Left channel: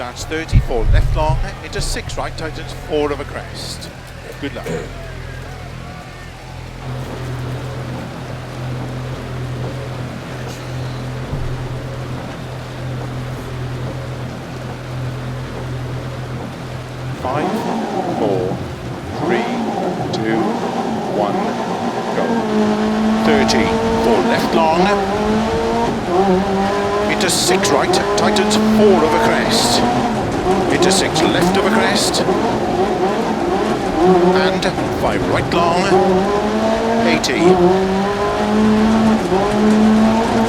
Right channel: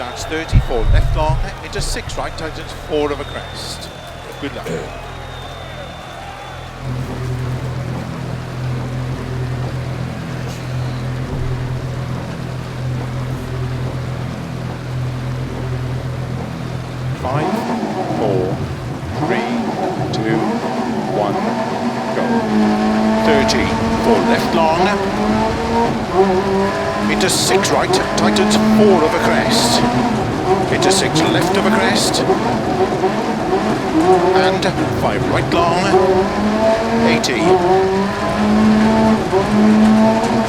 starts 34 left long, into 6 right, tightens 4 of a crest. Good luck. Five, 4, 3, 2, 1, go. 30 for left long, into 6 right, tightens 4 of a crest, into 6 left of a crest, and 5 right long, 80.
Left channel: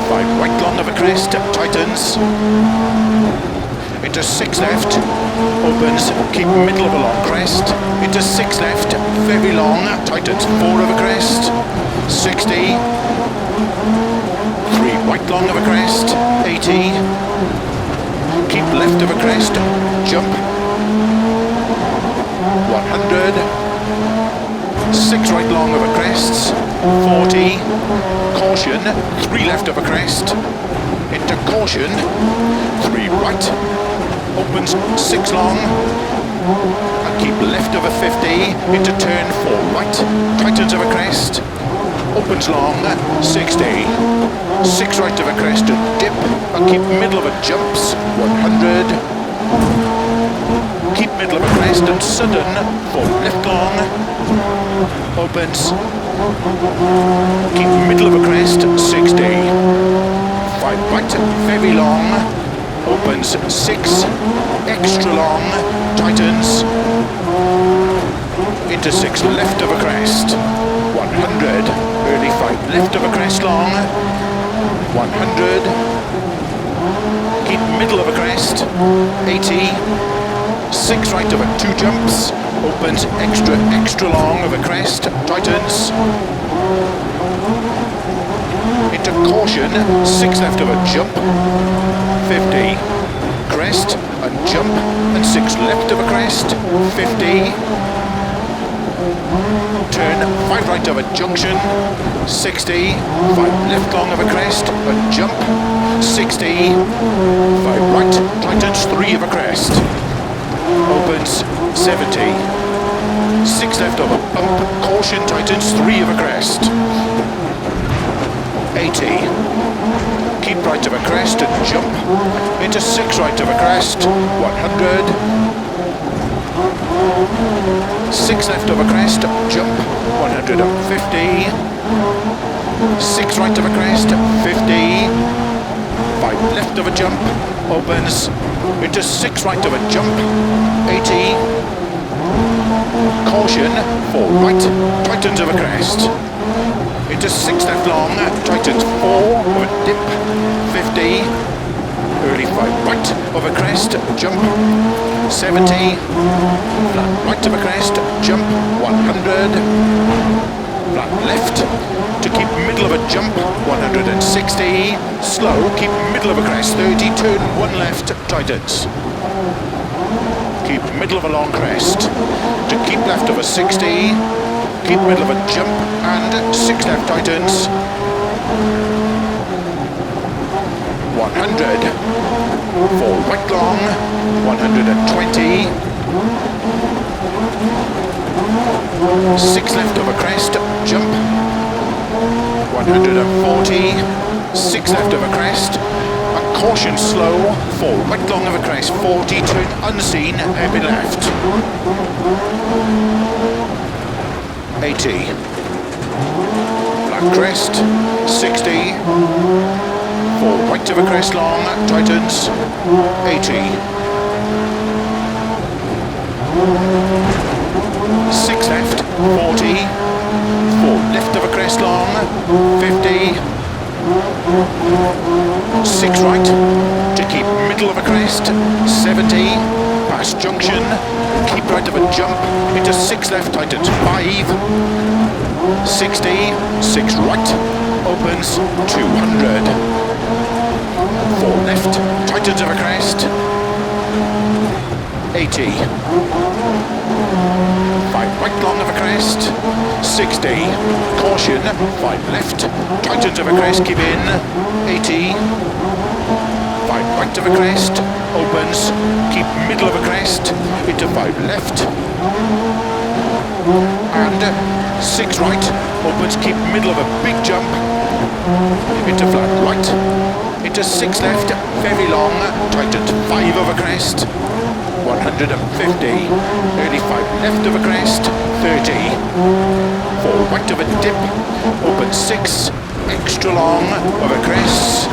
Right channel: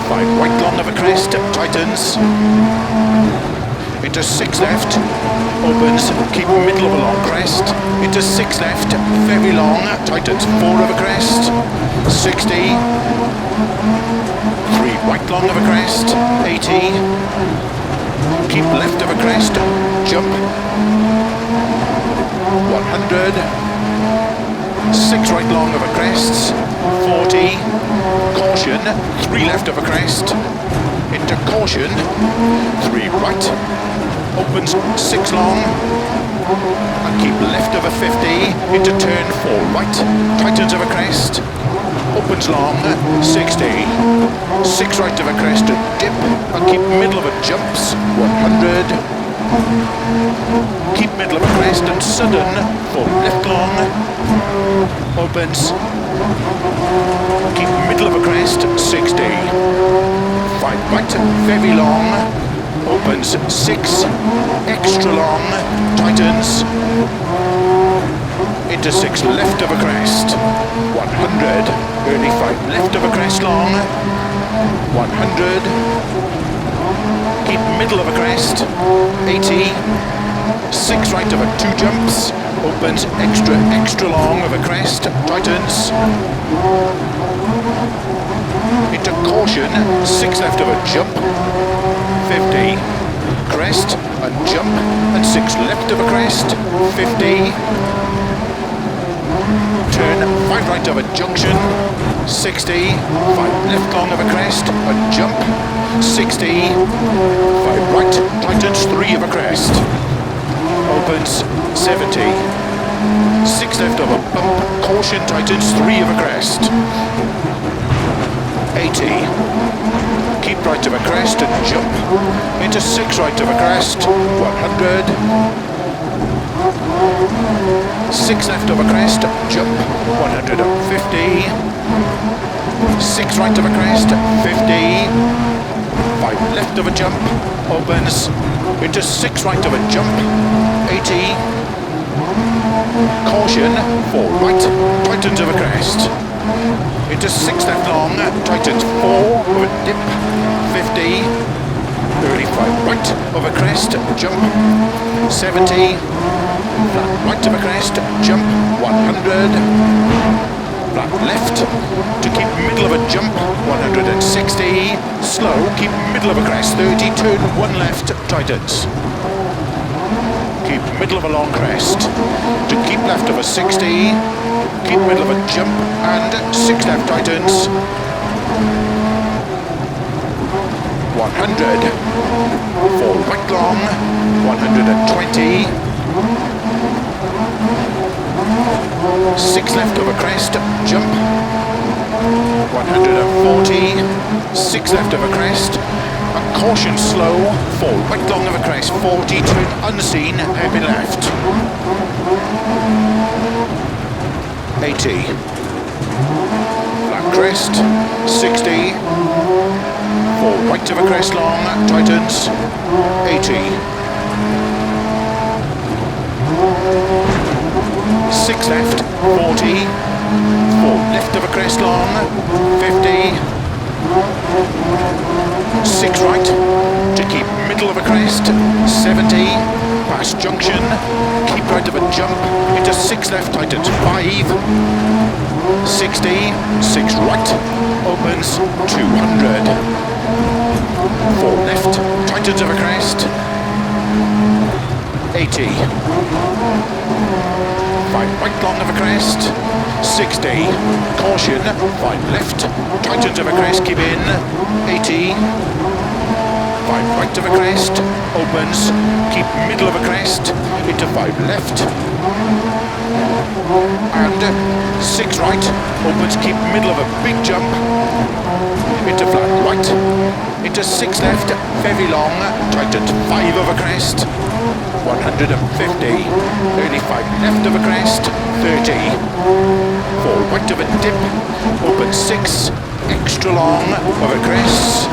5 right long of a crest, tightens, into 6 left, opens, keep middle of a long crest, into 6 left, very long, tightens 4 of a crest, 60, 3 right long of a crest, 80, keep left of a crest, jump, 100, 6 right long of a crest, 40, caution, 3 left of a crest, into caution, 3 right, opens 6 long, and keep left of a 50, into turn 4 right, tightens of a crest, opens long, 60, 6 right of a crest and dip, and keep middle of a jumps, 100, keep middle of a crest and sudden, 4 left long, opens, keep middle of a crest, 60, 5 right, very long, opens 6, extra long, tightens, into 6 left of a crest, 100, early 5 left of a crest long, 100, keep middle of a crest, 80, 6 right of a 2 jumps, opens extra long of a crest, tightens, into caution, 6 left of a jump, 50, crest and jump, and 6 left of a crest, 50, turn 5 right of a junction, 60, 5 left long of a crest, and jump, 60, 5 right, tightens 3 of a crest, opens 70, 6 left of a bump, caution, tightens 3 of a crest, 80, keep right of a crest and jump, into 6 right of a crest, 100, 6 left of a crest, jump, 150, 6 right of a crest, 50, 5 left of a jump, opens, into 6 right of a jump, 80, caution, 4 right, tightens of a crest, into 6 left long, tightens 4 of a dip, 50, early 5 right of a crest, jump, 70, flat right of a crest, jump, 100, flat left, to keep middle of a jump, 160, slow, keep middle of a crest, 30, turn 1 left, tightens, keep middle of a long crest, to keep left of a 60, keep middle of a jump, and 6 left, tightens, 100, 4 right long, 120, 6 left of a crest, jump, 140, 6 left of a crest, and caution slow, 4 right long of a crest, 40, turn unseen, hairpin left, 80, flat crest, 60, 4 right of a crest long, tightens, 80, 6 left, 40, 4 left of a crest long, 50, 6 right, to keep middle of a crest, 70, past junction, keep right of a jump, into 6 left, tightens 5, 60, 6 right, opens 200, 4 left, tightens of a crest, 80, 5 right long of a crest, 60, caution, 5 left, tightens of a crest, keep in, 80, 5 right of a crest, opens, keep middle of a crest, into 5 left, and 6 right, opens, keep middle of a big jump, into flat right, into 6 left, very long, tightens 5 of a crest, 150, early 5 left of a crest, 30, 4 right of a dip, open 6, extra long of a crest,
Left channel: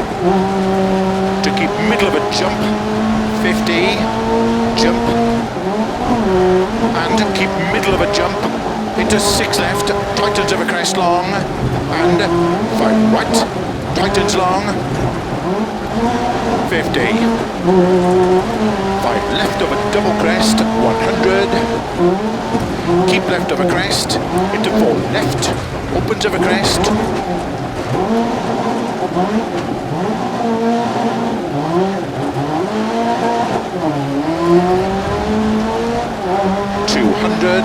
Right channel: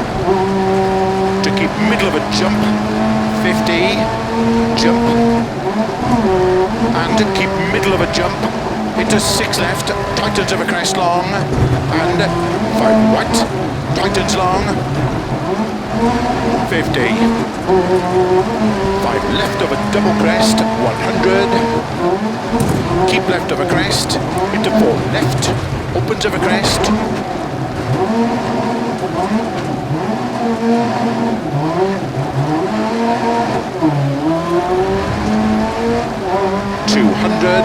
to keep middle of a jump, 50, jump, and keep middle of a jump, into 6 left, tightens of a crest long, and 5 right, tightens long, 50, 5 left of a double crest, 100, keep left of a crest, into 4 left, opens of a crest, 200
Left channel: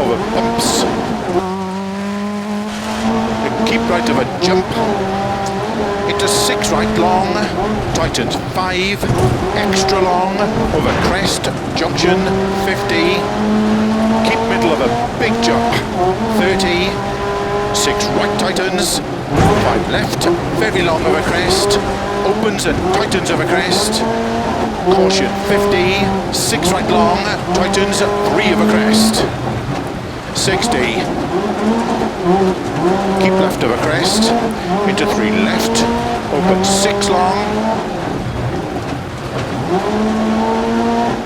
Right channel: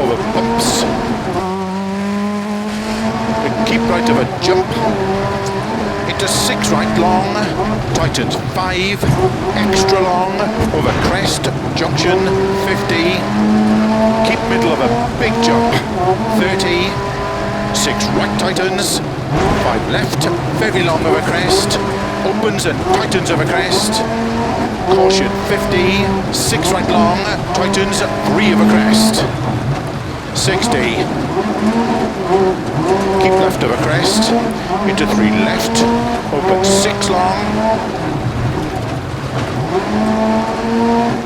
over bumps, keep right of a jump, into 6 right long, tightens 5, extra long, over crest, junction, 50, keep middle of a big jump, 30, 6 right tightens, 5 left, very long over crest, opens and tightens over crest, caution 50, 6 right long, tightens 3 over crest, 60, keep left over crest, into 3 left, open 6 long,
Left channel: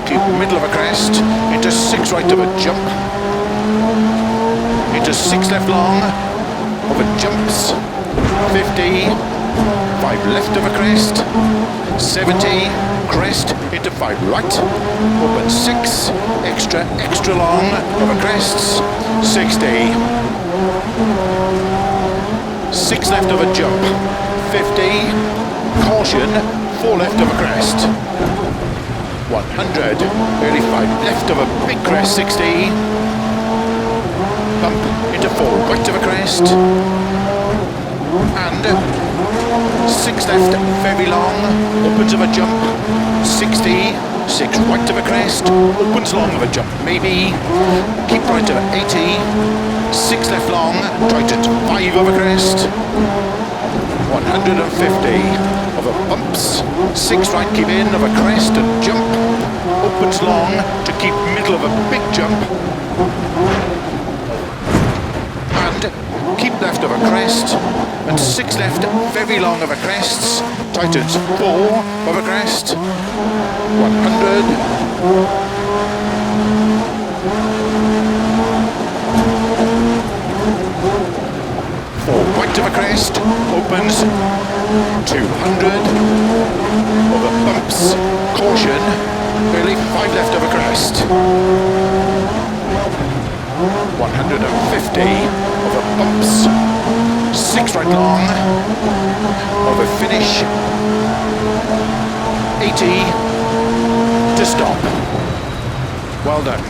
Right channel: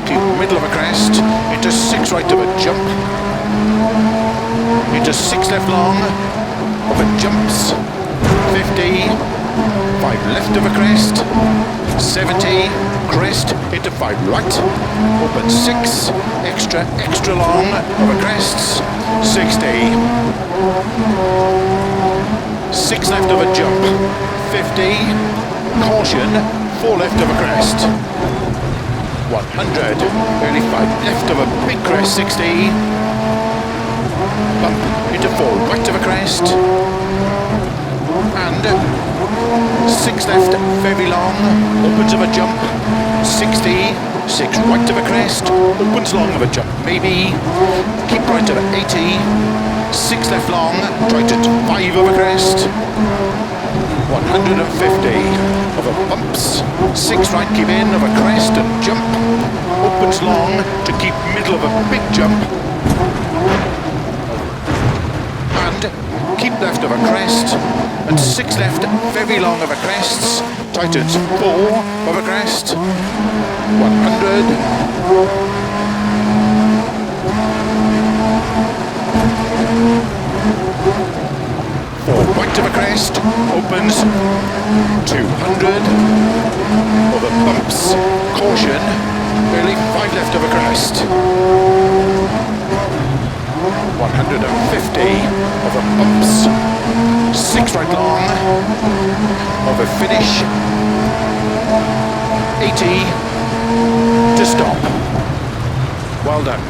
keep middle of a crest, into 6 right of a jump, into 6 left long, over jumps, 50, 5 left of a crest, 70, crest, into 5 right, open 6, extra long, over crests, 60, 6 left of a jump, 50, caution, 4 left of a crest, 100, early 5 left of a big crest, 60, bump into 4 right of a crest, and 6 left, very long, opens of a jump, 60, 6 right of a crest, opens long of a jump, maybe, keep right of 80, 6 left long, tightens 5 of a crest, 150, over bumps, 6 right, keep in of a crest and jump, opens long to keep middle of a big jump, and keep left of a crest, and 6 left, very long of a crests, tightens 4 of a crest, 100, 4 right of a crest, opens 200, over bumps, caution, barely 5 left of a crest, 150, over bumps, 6 right long, over finish, 80, to stop. Well done.